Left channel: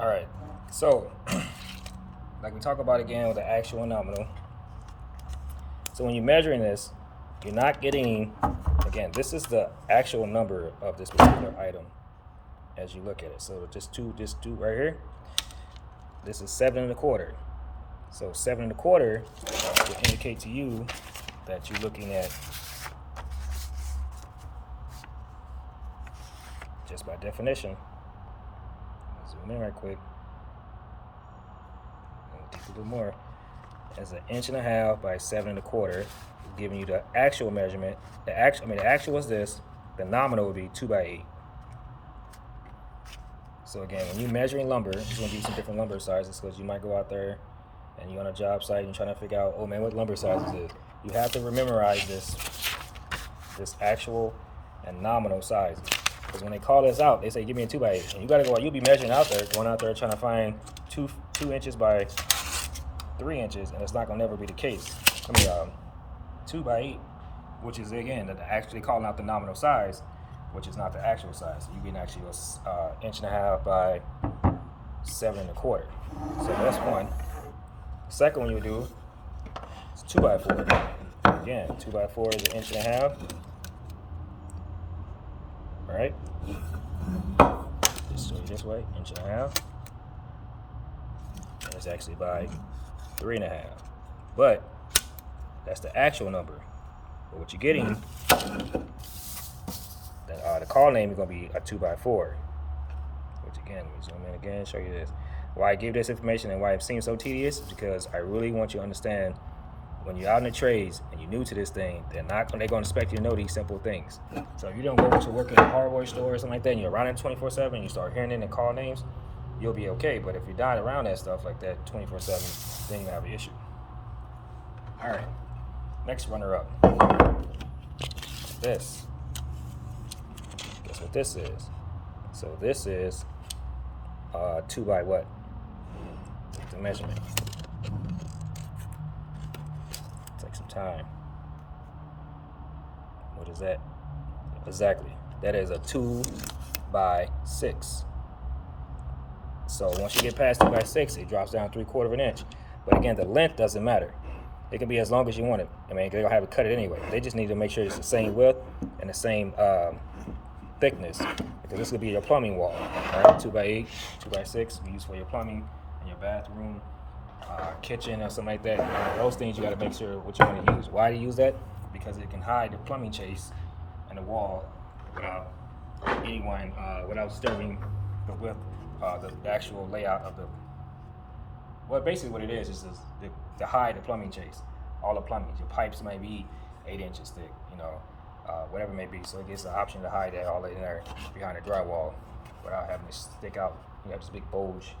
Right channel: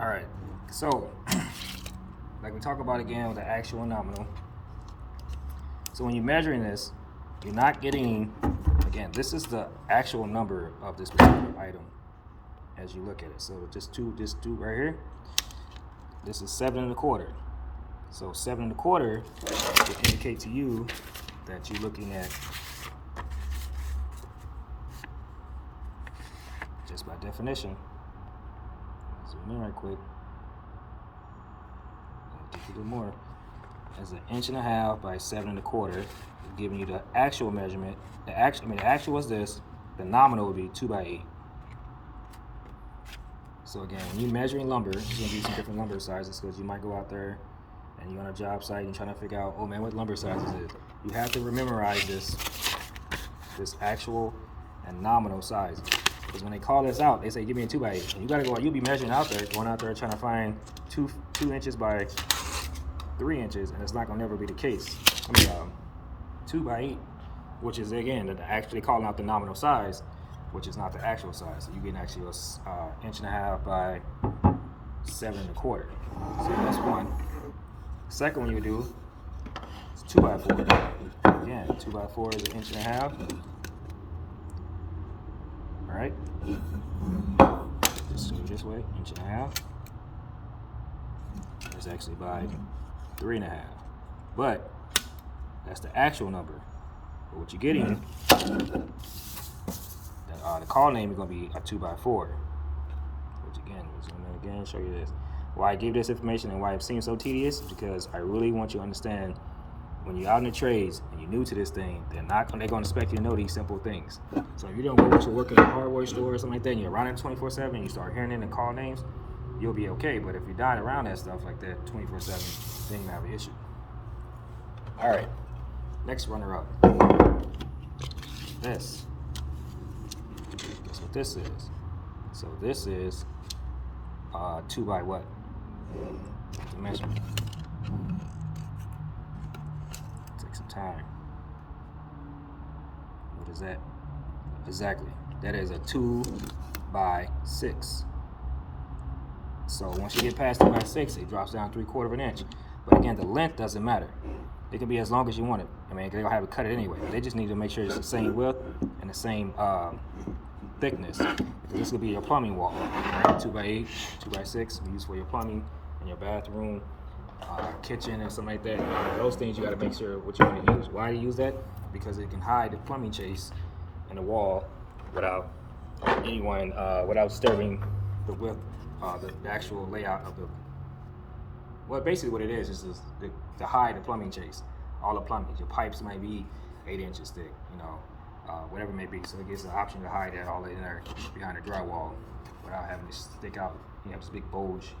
All right, so like we talk about again with the actual and nominal. So when you're measuring this, you're not getting, again, this is the actual number of this particular item as you look at it. So just do right here. This is 7 1/4. So 7 1/4 will indicate to you that you're looking at, just by definition, zoom in right quick, and dig a little more, as 1.5 inches by 7 1/4, giving you the actual measurement. The actual is this. The nominal would be 2 by 8. So again, when you're measuring lumber, there's gonna be some different lumber sizes because you might go out there and you're on a job site and you're trying to figure out, oh man, what lumber sizes is. You have to memorize this actual and nominal size. Because when they call this out, they say, give me a 2 by 8. And you gotta go, you'll be measuring out there, going out there trying to find 2 inches by 3 inches, and it's not gonna never be the case. 2 by 8, which is again, they calling out the nominal size, which is not the actual size. So you get actually 1.5 inches by 7 1/4. So that's one. The second one you do is 2 by 4. Again, 2 by 4 is 1.5 inches. All right. Just go this way, 1.5 inches. That's actually by 3.5. But that's the actual number. But what you're getting, the call name is going to be a 2 by 4. Which again, we zoom in again, show you this. Why I give this information and why it seems so tedious is because I really want you to understand when you're out in the trades and you're new to this thing, they're going to expect you to know these simple things. So if you don't go to work in a hardware store or something like that, and you're around it 24/7, and you start hearing it in the call names, you'll be okay. But if you're not around that stuff like that 24/7, then you have an issue. All right, next runner-up. This. Guess what this is? So this is 2 by what? The measurement. Take some time. What is that? Exactly. That is a 2 by 6. So once you get past 2 by 6, it drops down 3/4 inch. But again, the length doesn't matter. It can be as long as you want it. I mean, they're gonna have to cut it anyway. They just need to make sure it's the same width and the same thickness. Because this will be your plumbing wall. All right, 2 by 8, 2 by 6, you use for your plumbing in your bathroom, kitchen, or something like that. Those things you got to make sure what you want to use. Why do you use that? Because it can hide the plumbing chase in the wall without anyone, without disturbing the width, the actual layout of the. Well, basically what it is to hide the plumbing chase. All the plumbing. Your pipes might be 8 inches thick, whatever it may be. So it gives the option to hide that all in there behind the drywall without having to stick out. You have this big bulge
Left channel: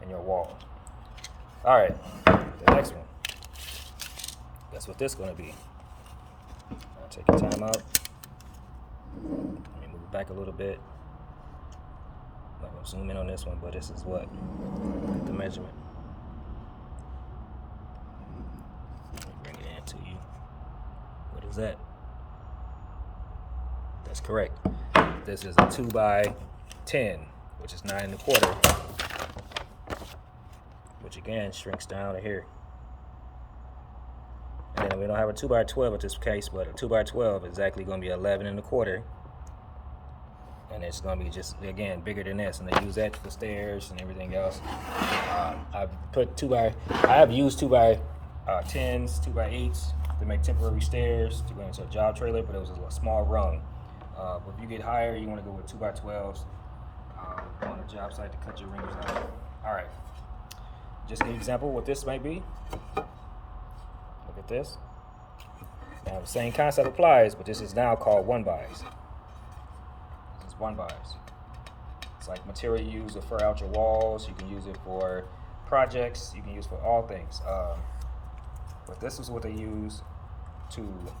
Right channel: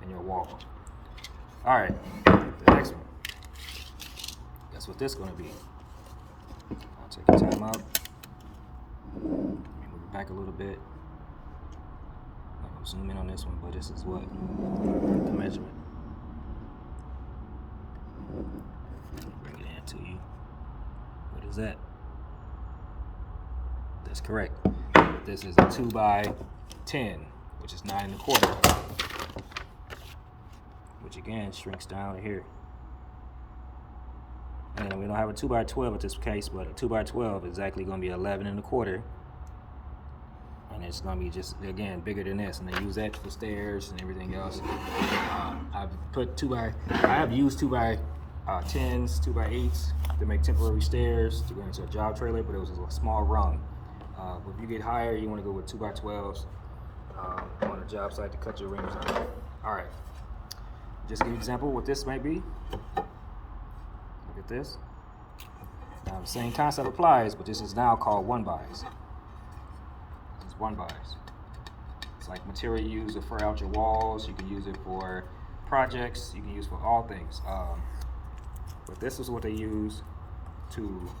in your wall. All right, the next one. That's what this is going to be. I'll take your time out. Let me move it back a little bit. I'm going to zoom in on this one, but this is what? The measurement. Bring it in to you. What is that? That's correct. This is a 2 by 10, which is 9 1/4, which again shrinks down to here. And then we don't have a 2 by 12 in this case, but a 2 by 12 is exactly going to be 11 1/4, and it's going to be just again bigger than this. And they use that for stairs and everything else. I have used 2 by 10s, 2 by 8s to make temporary stairs to go into a job trailer, but it was a small rung. But if you get higher, you want to go with 2 by 12s on a job site to cut your rings out. All right, just give you an example of what this might be. Look at this. Now the same concept applies, but this is now called 1-bys. This is 1-bys. It's like material you use to fur out your walls. You can use it for projects. You can use it for all things. But this is what they use to,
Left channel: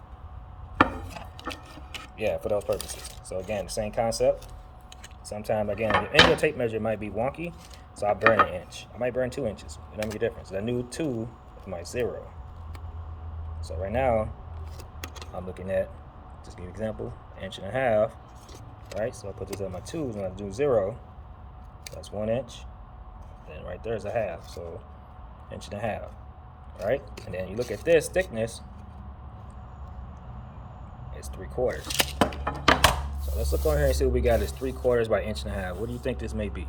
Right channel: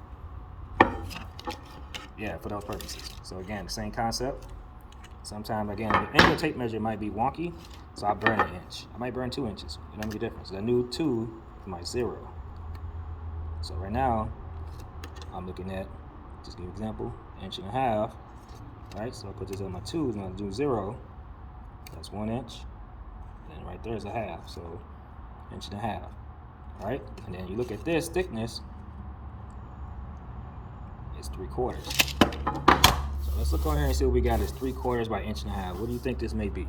for those purposes. So again, the same concept. Sometimes, again, the angle tape measure might be wonky, so I burn 1 inch. I might burn 2 inches. It doesn't make a difference. The new 2 is my 0. So right now, I'm looking at, just give you an example, 1.5 inches, right? So I put this on my 2s, and I do 0. That's 1 inch. then right there is a half, so 1.5 inches, right? And then you look at this thickness, it's 3/4. So let's look on here and see what we got. It's 3/4 by 1.5 inches. What do you think this may be?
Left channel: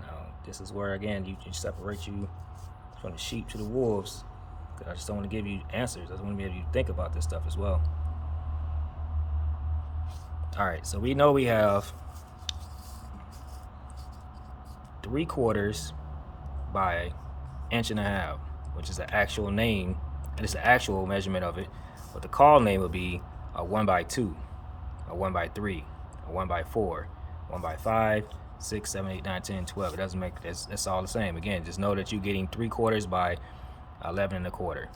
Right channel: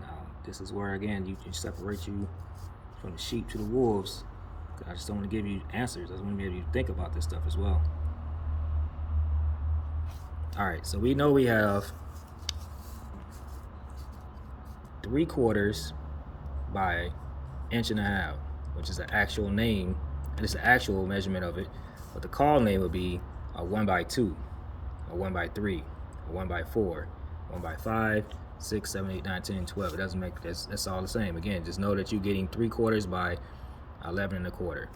Now, this is where, again, you separate you from the sheep to the wolves. I just don't want to give you answers. I just want to be able to think about this stuff as well. All right, so we know we have 3/4 by 1.5 inches, which is the actual name, and it's the actual measurement of it. But the call name would be a 1/2, a 1/3, a 1/4, 1/5, 6, 7, 8, 9, 10, 12. It doesn't make that's all the same. Again, just know that you're getting 3/4 by 11 1/4.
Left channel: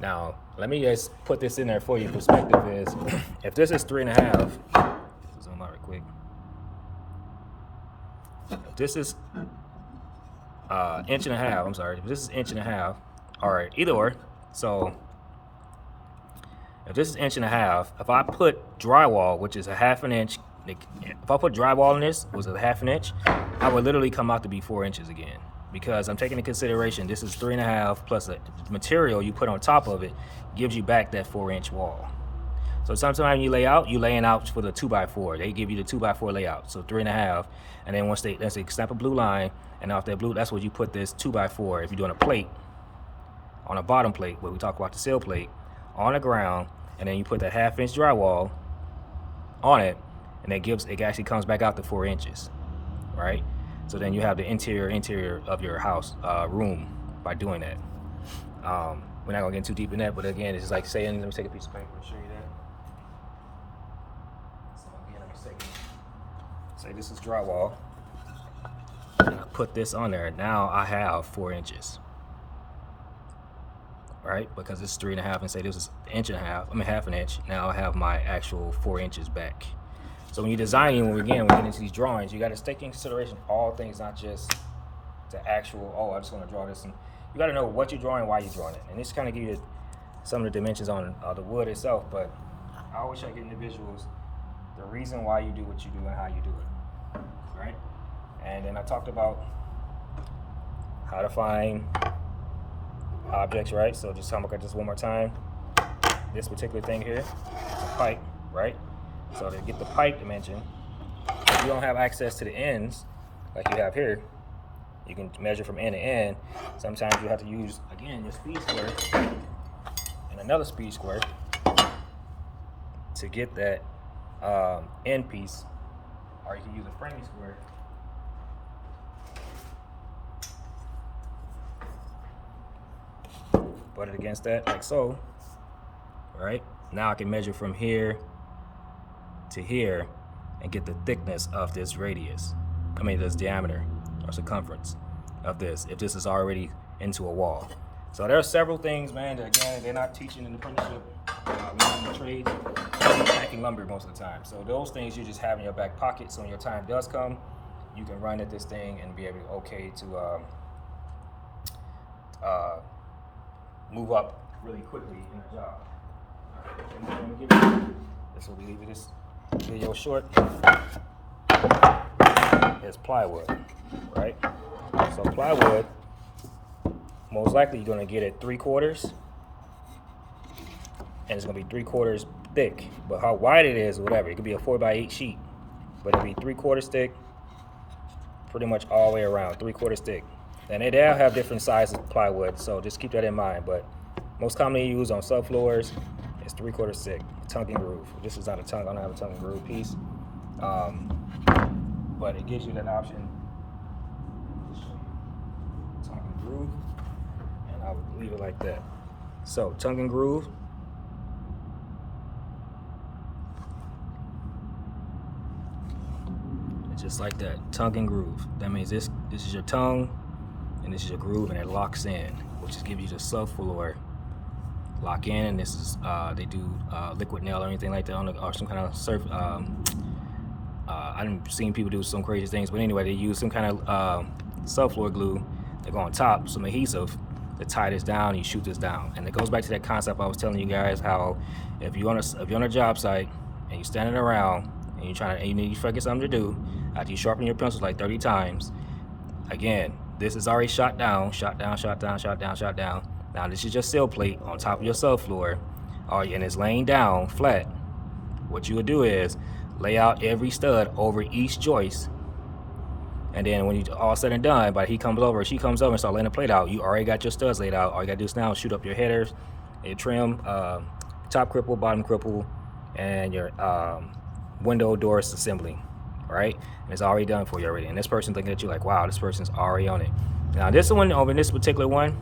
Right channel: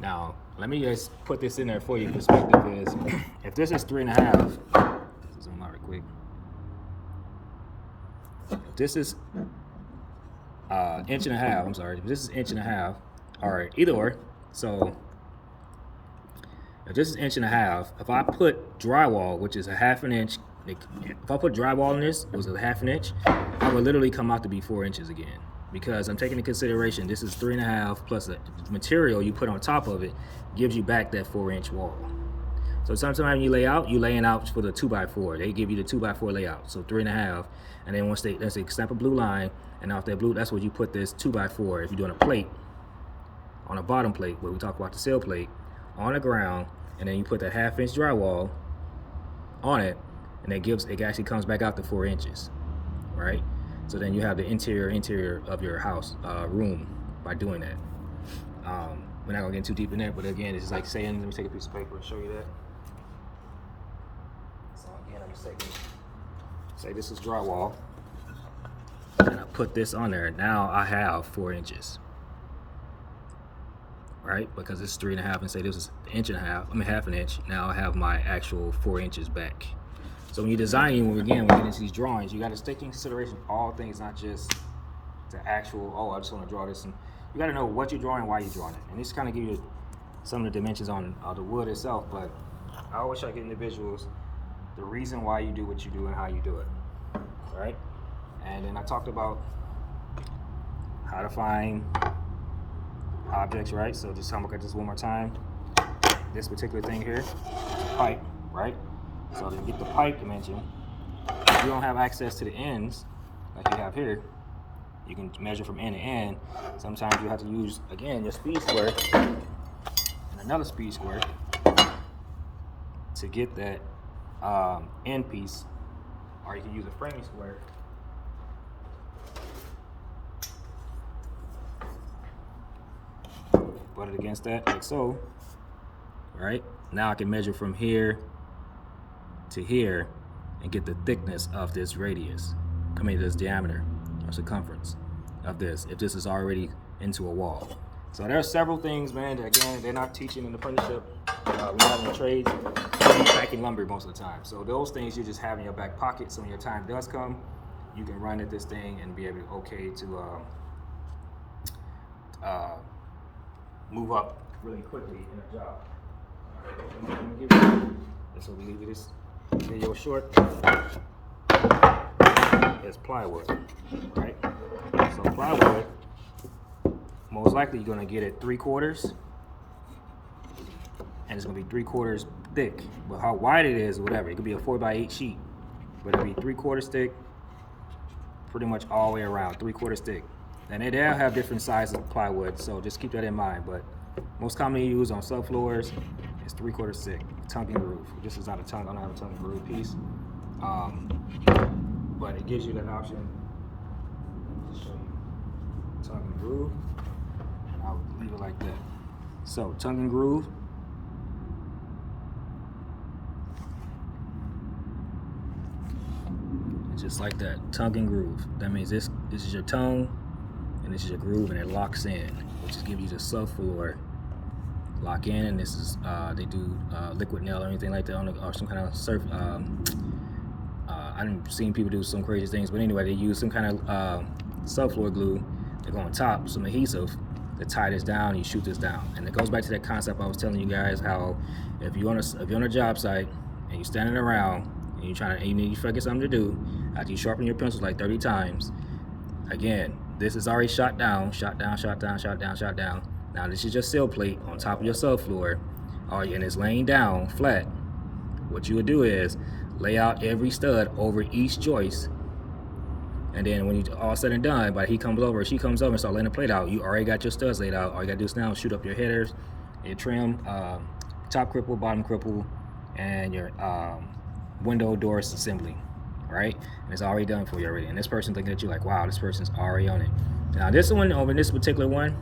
Now, let me just put this in there for you. Perspective is, if this is 3.5, zoom out real quick. If this is 1.5 inches, I'm sorry, if this is 1.5 inches, all right, either or. So if this is 1.5 inches, if I put drywall, which is a 1/2 inch, if I put drywall in this, it was a 1/2 inch, I would literally come out to be 4 inches again. Because I'm taking into consideration this is 3.5 plus the material you put on top of it gives you back that 4-inch wall. So sometimes you lay out, you're laying out for the 2x4. They give you the 2x4 layout, so 3.5, and then once they snap a blue line, and off that blue, that's where you put this 2x4. If you're doing a plate, on a bottom plate, where we talk about the sill plate, on the ground, and then you put that 1/2 inch drywall on it, and it actually comes back out to 4 inches, right? So then you have the interior of your house room by doing that. We're not gonna get too deep in that, but again, it's just like saying, let me take a piece of paper and show you that. So again, let me say this is drywall, and I put this on there. Now I have 4 inches, right? Because it's 3.5, and say this is 1.5 inches. I mean 1/2 inch. Now I have my actual 4 inches back. So when you're designing, when we get into these drawings, you got to take into consideration all things, not just the actual, oh, I just want to draw this. And you got to know what you're drawing, why you're drawing it. And this kind of gives you some of the dimensions on the wood itself, but I always try to get individuals the reason why you do what you do and how you do it, right? And then I talked about how to find objects, right? So just look at this one more time. This particular thing here, the pipe, right? So to get the pipe dimension, if you don't have access to the ends like you have here, you can measure from end to end. Sometimes you have to use, again, your speed square and another speed square to get that end piece, or you can use a framing square. Put it against that, like so, right? Now I can measure from here to here and get the thickness of this radius. I mean, this diameter or circumference of this, if this is already into a wall. So there are several things, man, that again, they're not teaching in the apprenticeship. We have in the trades, packing lumber most of the time. So those things you just have in your back pocket, so when your time does come, you can run at this thing and be able to move up really quickly in a job. This will leave this video short. It's plywood, right? So plywood, most likely you're gonna get it 3/4, and it's gonna be 3/4 thick. But how wide it is, whatever, it could be a 4x8 sheet, but it'll be 3/4 thick, pretty much all the way around, 3/4 thick. And they all have different sizes of plywood, so just keep that in mind. But most commonly used on subfloors is 3/4 thick, tongue and groove. This is not a tongue, I don't have a tongue and groove piece. But it gives you that option to show you tongue and groove, and I'll leave it like that. So tongue and groove. It's just like that, tongue and groove. That means this is your tongue, and this is your groove, and it locks in, which is give you the subfloor lock in. And this is they do liquid nail or anything like that on or some kind of surf. I've seen people do some crazy things, but anyway, they use some kind of subfloor glue. They go on top, some adhesive to tie this down. You shoot this down, and it goes back to that concept I was telling you guys, how if you're on a job site and you're standing around and you need to get something to do after you sharpen your pencils like 30 times, Again, this is already shot down, shot down, shot down, shot down, shot down. Now this is your sill plate on top of your subfloor, and it's laying down flat. What you would do is lay out every stud over each joist, and then when you all said and done, but he comes over, she comes over and start laying the plate out, you already got your studs laid out. All you gotta do is now shoot up your headers, your trim, top cripple, bottom cripple, and your window doors assembly. Right? And it's already done for you already. And this person thinking that you're like, wow, this person's already on it. Now this one, over this particular one,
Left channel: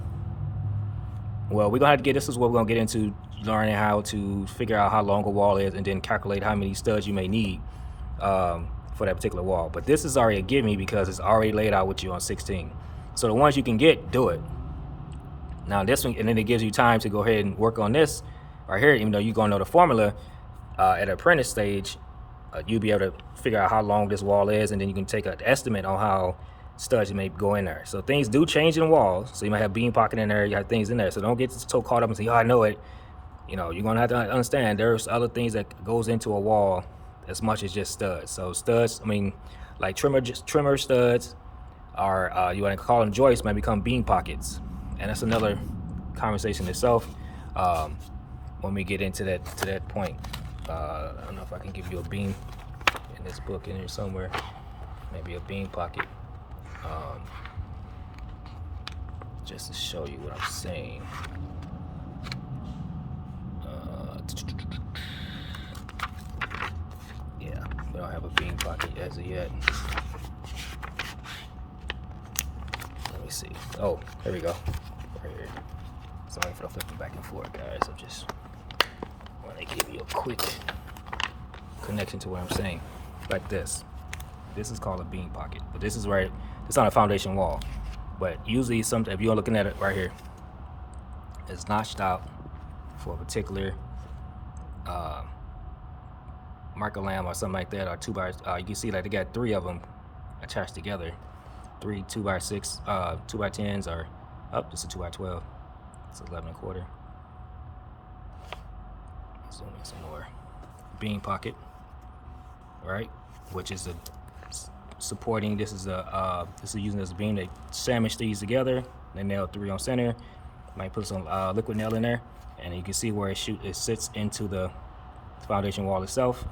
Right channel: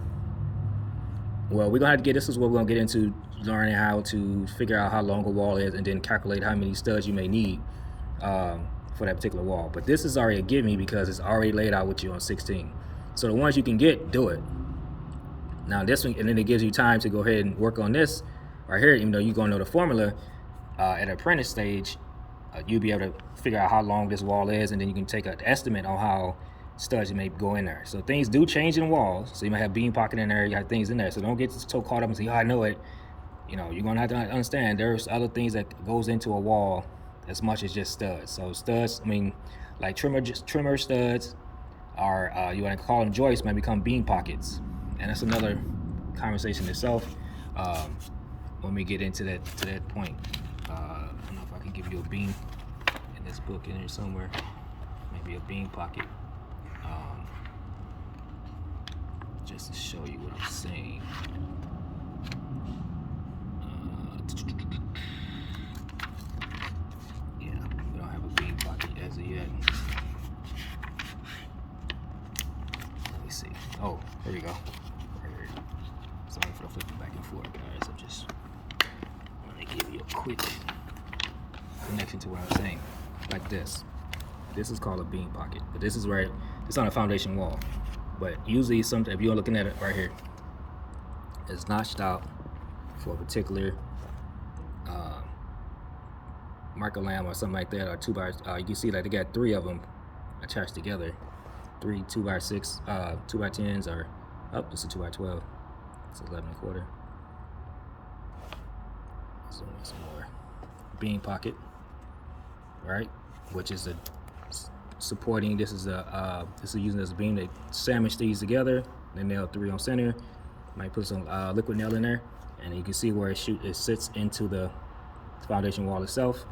well, we're gonna have to get, this is what we're gonna get into, learning how to figure out how long a wall is and then calculate how many studs you may need for that particular wall. But this is already a give me because it's already laid out with you on 16. So the ones you can get, do it. Now this one, and then it gives you time to go ahead and work on this right here, even though you're gonna know the formula at the apprentice stage. You'll be able to figure out how long this wall is, and then you can take an estimate on how studs you may go in there. So things do change in walls. So you might have beam pocket in there, you have things in there. So don't get so caught up and say, oh, I know it. You know, you're gonna have to understand there's other things that goes into a wall as much as just studs. So studs, I mean, like trimmer studs, are you want to call them joists, might become beam pockets, and that's another conversation itself. When we get into that point. I don't know if I can give you a beam in this book in here somewhere. Maybe a beam pocket. Just to show you what I'm saying. Yeah, we don't have a beam pocket as of yet. Let me see. Oh, here we go. Right here. Sorry for flipping back and forth, guys. I'm just want to give you a quick connection to what I'm saying. Like this. This is called a beam pocket, but this is where it's on a foundation wall. But usually, if you're looking at it right here, it's notched out for a particular marker lamb or something like that, or 2x. You can see like they got 3 of them attached together. 3 2x6, 2x10s, or this is a 2x12. It's 11 1/4. Zoom in some more. Beam pocket, right? Which is a supporting. This is using this beam to sandwich these together. They nail 3 on center. Might put some liquid nail in there, and you can see where it sits into the foundation wall itself.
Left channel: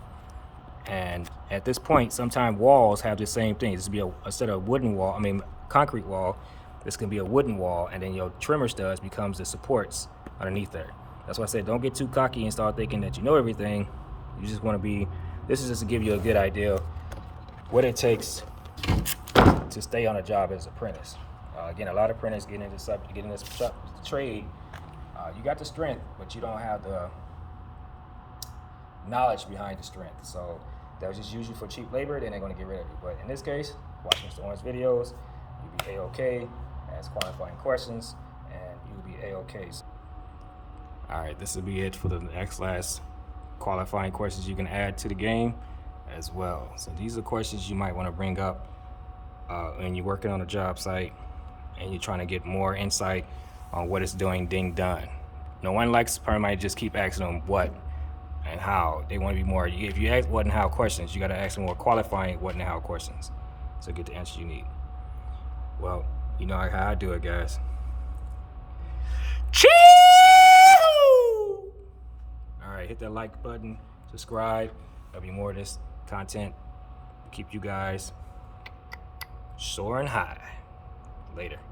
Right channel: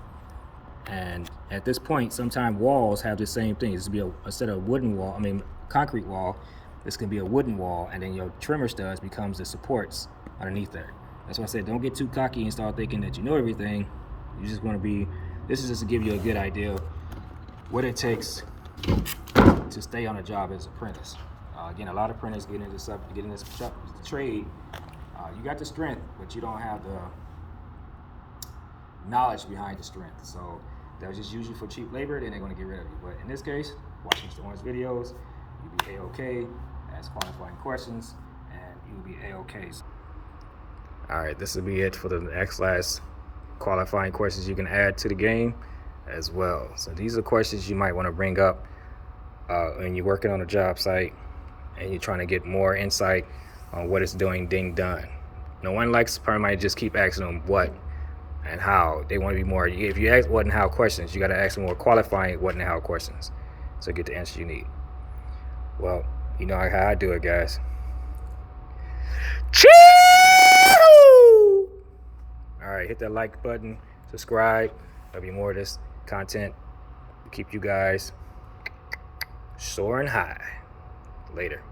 And at this point, sometimes walls have the same thing. This would be instead of wooden wall, concrete wall. This can be a wooden wall, and then your trimmer studs becomes the supports underneath there. That's why I said don't get too cocky and start thinking that you know everything. You just want to be. This is just to give you a good idea of what it takes to stay on a job as an apprentice. Again, a lot of apprentices get into this trade. You got the strength, but you don't have the knowledge behind the strength. So they'll just use you for cheap labor, then they're going to get rid of you. But in this case, watch Mr. Owen's videos, you'll be A-OK, ask qualifying questions, and you'll be A-OK. All right, this will be it for the last qualifying questions you can add to the game as well. So these are questions you might want to bring up when you're working on a job site and you're trying to get more insight on what it's doing being done. No one likes probably might just keep asking them what and how. They want to be more, if you ask what and how questions, you got to ask them more qualifying what and how questions to get the answer you need. Well, you know how I do it, guys. Choo! All right, hit that like button, subscribe. There'll be more of this content to keep you guys soaring high. Later.